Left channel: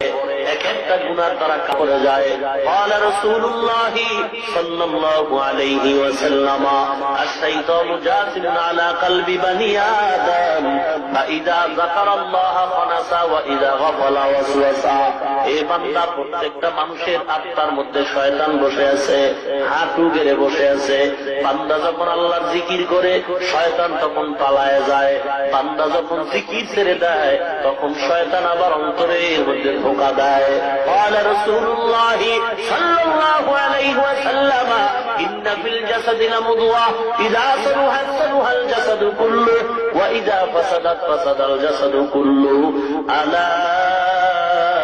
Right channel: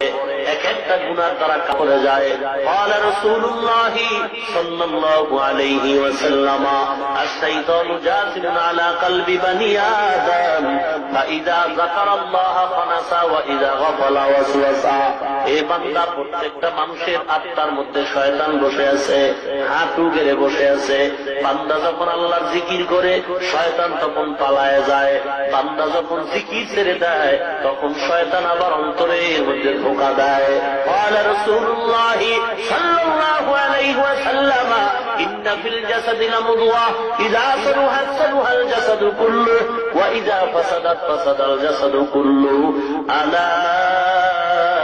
Thank এক একটা গুনার দ্বারা কাপড়ে যায় قال رسول الله صلى الله عليه وسلم الشيطان جاثم على قلب بني آدم فإذا ذكر الله خنس وإذا غفل وسوس এ বান্দা প্রত্যেকটা মানুষের আত্মার মধ্যে শয়তান বসে আছে হাঁটু গেড়ে বসে আছে বান্দা যখন আল্লাহর জিকির করে শয়তান তখন পালায় যায় বান্দা যখন জিকির ছেড়ে দেয় তখন শয়তান আবার অন্তরের মধ্যে ধোকা দেয় قال رسول الله صلى الله عليه وسلم إن في الجسد لمضوى إذا صلحت صلح الجسد كله وإذا فسدت فسد الجسد كله ألا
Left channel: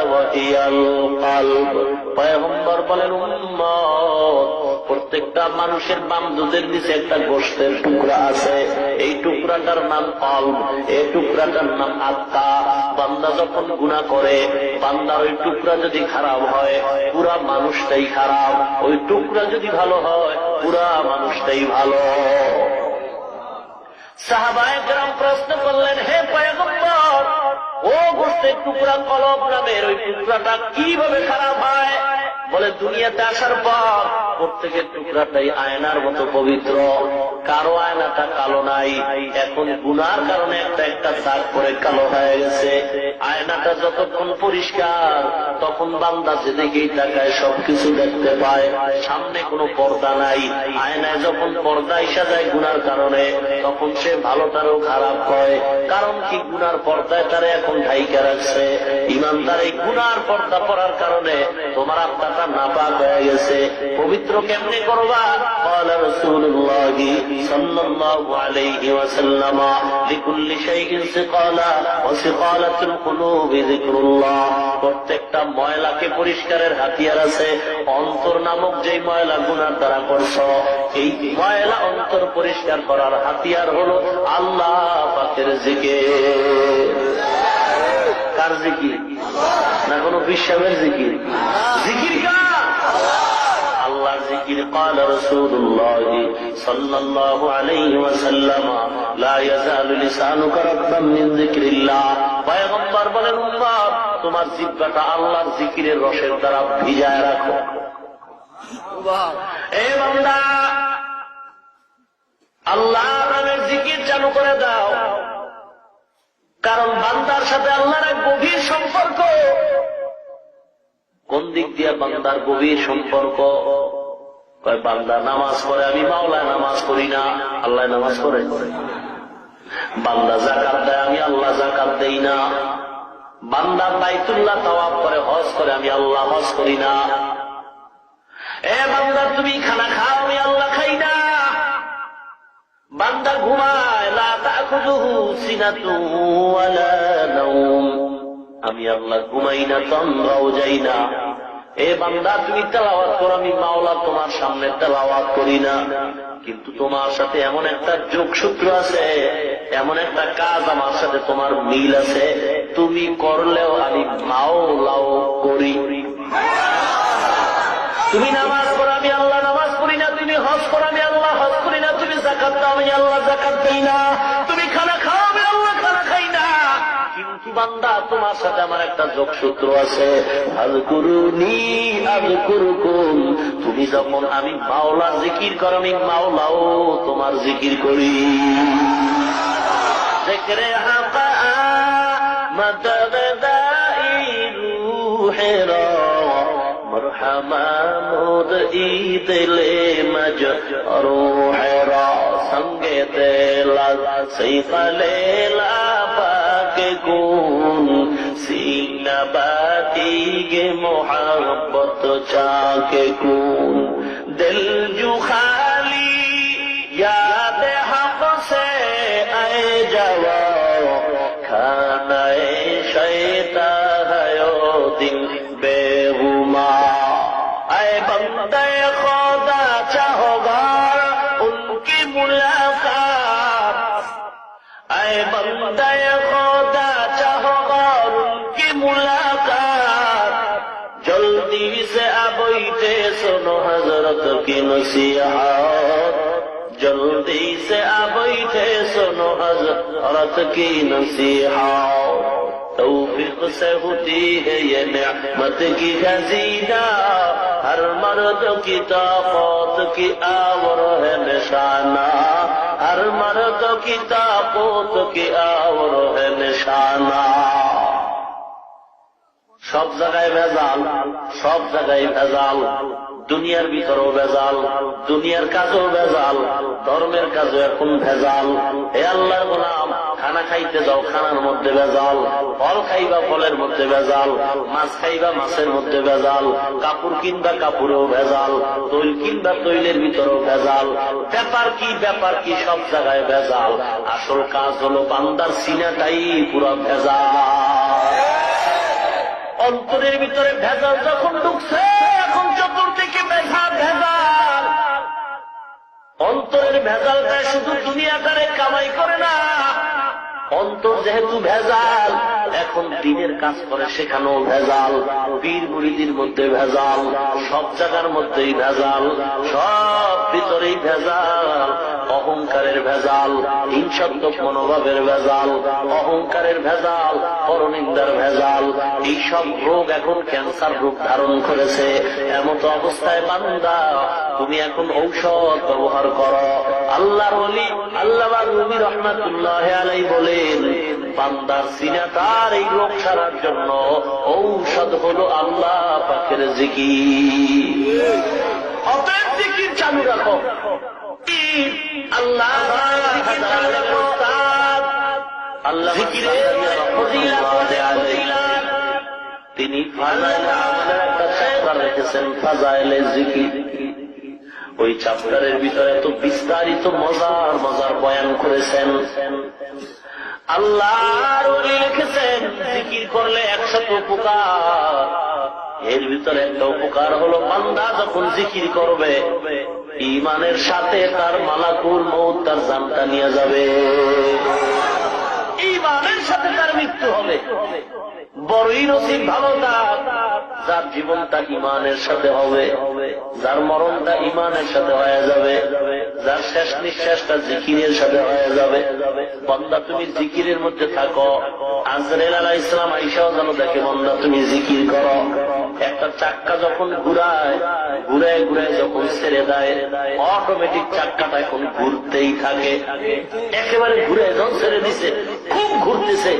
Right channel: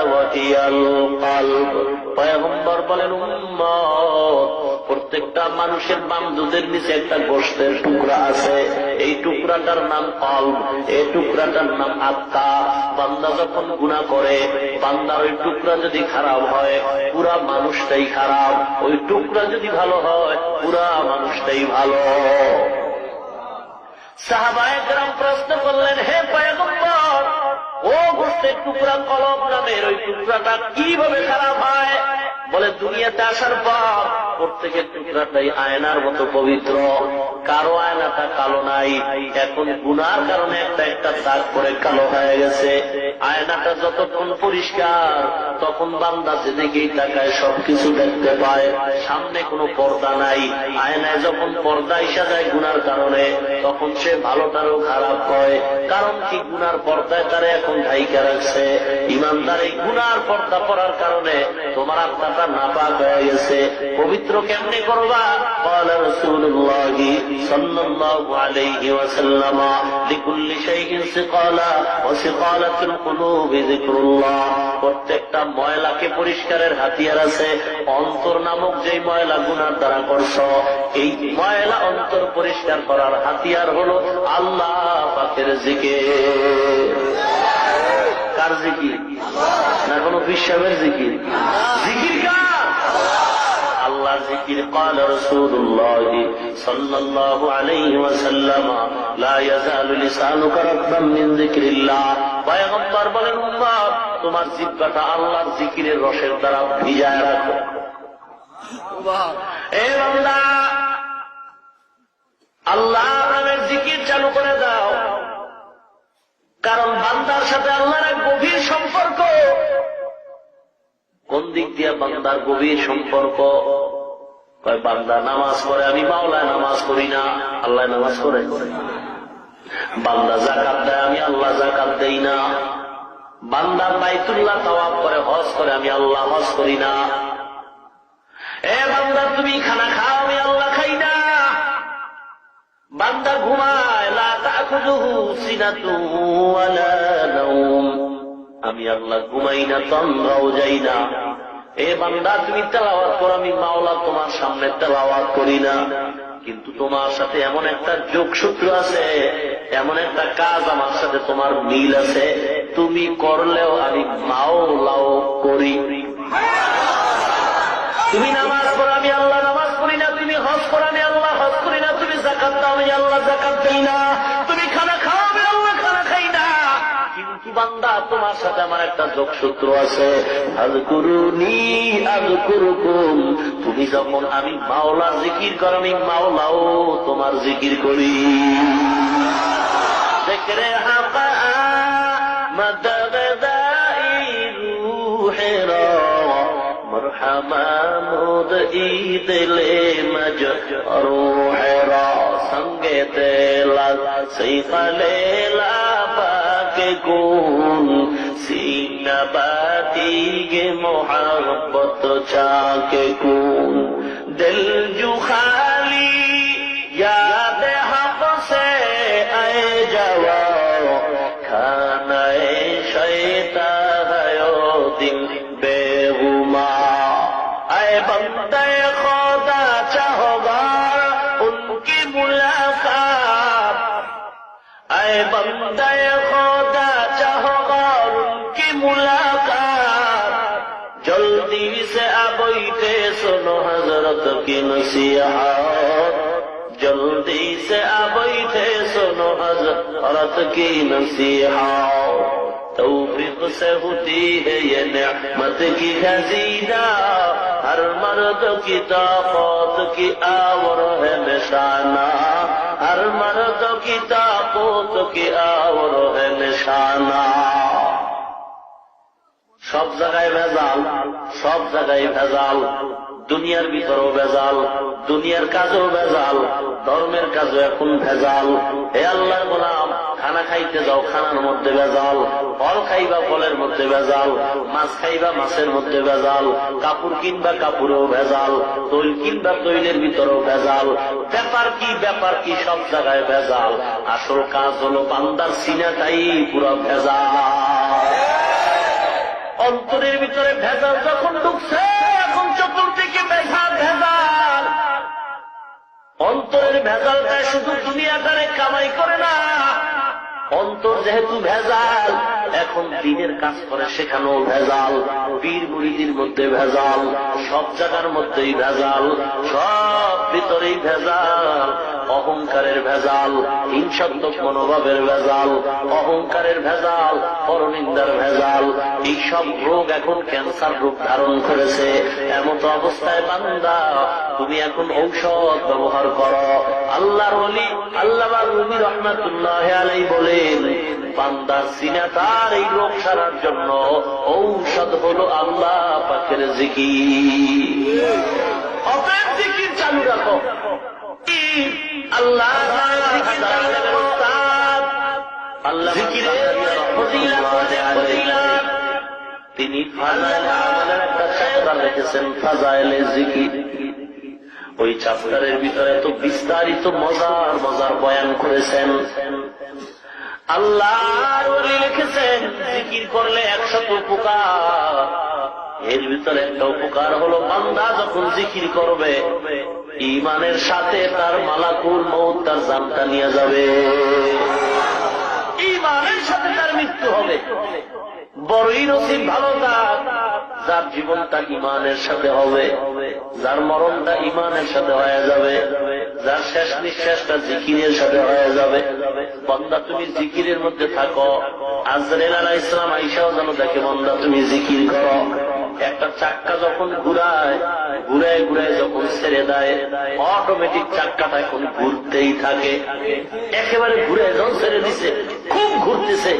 وهي القلب. فيغمر بل بل প্রত্যেকটা মানুষের বাম দুধের নিচে একটা গোষ্ঠের টুকরা আছে। এই টুকরাটার নাম কল্প এই টুকরাটার নাম আত্মা। বান্দা যখন গুণা করে, বান্দার ওই টুকরা যদি খারাপ হয়, পুরা মানুষটাই খারাপ। ওই টুকরা যদি ভালো হয়, পুরা মানুষটাই ভালো। সাহাবায় গ্রাম প্রশ্ন করলেন, হে পয়গম্বর, ও গোষ্ঠের টুকরা কলম নামের ওই টুকরাটা কীভাবে খারাপ বলে দুনিয়াতে আসার পর প্রত্যেকের টুকরাটাই আয়নার মতো পবিত্র। কারও আয়নাটা কালো নাই। এখন গুনার কারণে একটা একটা দাগ করে কালো হয়ে গেছে। আয়নাটা যতক্ষণ পরিষ্কার, তখন বান্দা যেদিকেই তাকায় সবকিছু দেখতে পায়। সামনে কোনো পর্দা নাই। আয়নায় যখন পর্দা ইসা যায় গুনার কারণে, তখন সে ভালোটারও খারাপ হয়। কারণ কি গুনার পর্দায় তারা এখন ঢাইকা রাখছে। ইমানদার এই গুনার পর্দা পড়ার কারণে তোমার আত্মাটা নাপাক হয়ে গেছে। পবিত্র কেমনি করবা? রসুল্লাহ صلى الله عليه وسلم لكل شيء سقالا وسقالة القلوب ذكر الله প্রত্যেকটা ময়লাকে পরিষ্কারের হাতিয়ার আছে অন্তর নামক যে ময়লা গুনার দ্বারা করছ এই ময়লা অন্তর পরিষ্কার করার হাতিয়ার হলো আল্লাহ পাকের জিকে কার জিকির না কোনো বিশ্বামের জিকির জিকির কার আল্লাহর জিকির قال رسول الله صلى الله عليه وسلم لا يزال لسانك رطبا من ذكر الله পয়গম্বর বলেন উম্মত তোমার জিহ্বাটা আল্লাহর জিকিরের রসের দ্বারা ভিজায় রাখো এ বান্দা আল্লাহ নামের জিকির চালু করে দাও কারণ বান্দার সাথে আল্লাহর এক গভীর সম্পর্ক কোন দিক দিয়ে বান্দার গভীর সম্পর্ক কয়, বান্দা, নামাজ পড়ে আমি মাওলায় নামাজ পড়ি না আল্লাহ নামাজ পড়ে। বান্দা জাকাত দেয় আমি আল্লাহ জাকাত দেই না। বান্দা বাইতুল্লাহ তাওয়াব করে, হজ করে, আমি আল্লাহ হজ করি না। এ বান্দা, তুমি খানা খাও, আমি আল্লাহ খাই না। বান্দা ঘুমায়, লা তাখুযুহু সিনাতুন ওয়ালা নাওম। আমি আল্লাহ ঘুমাই না, তন্দ্রাও যাই না। এ বান্দা, তুমি তেলাওয়াত করো, আমি মাওলা তোমার সামনে তেলাওয়াত করি না। কিন্তু তোমার সাথে এমন একটা যোগসূত্র আছে, এমন একটা কাজ আমার সাথে তোমার মিল আছে। তুমি করলেও আমি মাওলাও করি। তুমি নামাজ পড়ো, আমি আল্লাহ নামাজ পড়ি না। তুমি হজ করো, আমি আল্লাহ হজ করি না। তুমি জাকাত দাও, আমি আল্লাহ জাকাত দিই না। বান্দা, তোমার সাথে আমার একটা যোগসূত্র আছে। তুমি যখন আমি মাওলা জিকির কর, আমি মাওলাও তোমার জিকির করি। সঙ্গে তেলা সেই ফলেলা কোন সিনা বাতিগে মোহাম্মত চাকে কোন। দিল জুখা کی نصیحت جلدی سے آ بیٹھے سنو حضرت کی نصیحت توفیق سے ہوتی ہے یہ نعمت کی خزینہ۔ ہر مرد کی طاقت کی آور ہے نشانہ۔ ہر مرد کی طاقت کی آور ہے نشانہ۔ সব জায়গায় ভেজাল, সব জায়গায় ভেজাল। দুনিয়ার ভিতরেও ভেজাল, দুনিয়ার কাজেও ভেজাল, ধর্মের কাজও এখন ভেজাল। হে আল্লাহর গোলাম, খানা খাইতে যাও, খানার মধ্যে ভেজাল, ফল খাইবা ফলের মধ্যে ভেজাল, মাছ খাইবা মাছের মধ্যে ভেজাল, কাপড় কিনবা কাপড়েও ভেজাল, তৈল কিনবা তৈলের ভিতরেও ভেজাল। ব্যাপার কি ব্যাপার কি, সব জায়গায় ভেজাল। আসল কাজ হলো বান্দার সিনাটাই পুরো ভেজাল। অন্তরের ভিতরে ভেজাল যখন ঢুকছে, এখন চতুর্দিকে ভেজাল ভেজাল। অন্তরের ভেজালটা শুধু দুনিয়াটারে কামাই করে না অন্তর যেহেতু ভেজাল, এখন দিনের কাজ করে সেখানেও ভেজাল, পীর মুড়িদির মধ্যে ভেজাল, সব জায়গার মধ্যেই ভেজাল, সব ভিতরেই ভেজাল, অহংকারের ভেজাল, হিংসাত্মক মনোভাবের ভেজাল, অহংকারের ভেজাল, পরনিন্দার ভেজাল এই সব রোগ এখন ক্যান্সার রূপ ধারণ করেছে। এমত অবস্থায় বান্দা তুমি এখন ঔষধ ব্যবহার করো। আল্লাহর অলি আল্লাহ রুবি রহমাতুল্লাহ আলাই বলেন, বান্দা সিনা তার এই রোগ সারার জন্য ঔষধ হলো আল্লাহ পাখের জিকি অতএব জিকির চালু রাখো। আল্লাহ আল্লাহ তিনি ফাজাইলে একটা রেখেছেন ফাজাইলে জিকির। ওই চ্যাপ্টারের ভিতরে তো বিস্তারিত মজার মজার বয়ান করেছেন। আল্লাহর লিখেছেন, জিকির করলে একশত উপকার। এর ভিতরে একটা উপকার হলো, বান্দা যখন জিকির করবে ইমানের সাথে তার মালাকুল মৌত তার জানটা নিয়ে যাবে। ইমানের সাথে তার মৃত্যু হবে। বড়ই নসিব ভালো তার যার জীবনটা ইমানের সাথে হবে, যার মরণটা ইমানের সাথে হয়ে যাবে, যার শেষ নিঃশ্বাসটা জিকিরের সাথে হয়ে যাবে। বন্দা, তুমি জিকিরের মধ্যে থাকো। আজরেল আলাহ ইসলাম আইসাও যেন দেখে, বন্দা, তুমি জিকির করো। একটা চাক্কা যখন ঘুরায় ঘুরায় ঘুরায় যখন ছেড়ে দেয় অটোমেটিক চাক্কাটা এখন ঘুরতেই থাকে। একেবারে ঘুরে যখন ছেড়ে দিছে, খুব ঘুরতেছে।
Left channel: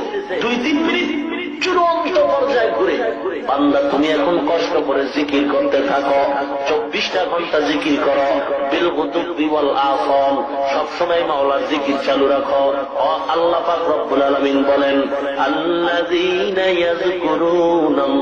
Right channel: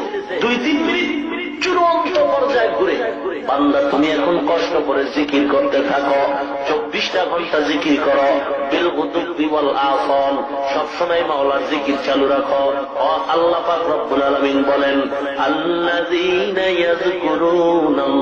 দুই তিন মিনিট ঘুরে বান্দা, তুমি এখন কষ্ট করে জিকির করতে থাকো, চব্বিশটা ঘণ্টা জিকির করো বিলকুতুব বিবল আসন সবসময় মাওলার জিকির চালু রাখো। আল্লাহ পাক রব্বুল আলমিন বলেন কুউদান